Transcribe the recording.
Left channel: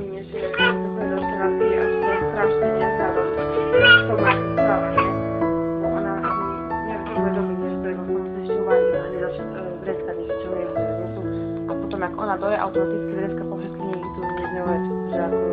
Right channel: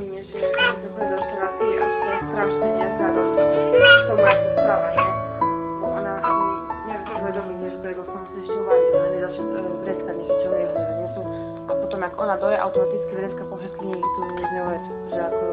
mi nie, že to chodí do reštaurácie a že to je strašne nevzhľadom k tomu, ako sa správa, nie? Bo ona ani nevie si uvedomiť, že to je vo fakt ešte uvarí, ona nezačne vreckať niečo, čo mi je, že nie sú. A potom, ak ona doje, automaticky vrecka po všetky niekde tu z ňou vec, že ako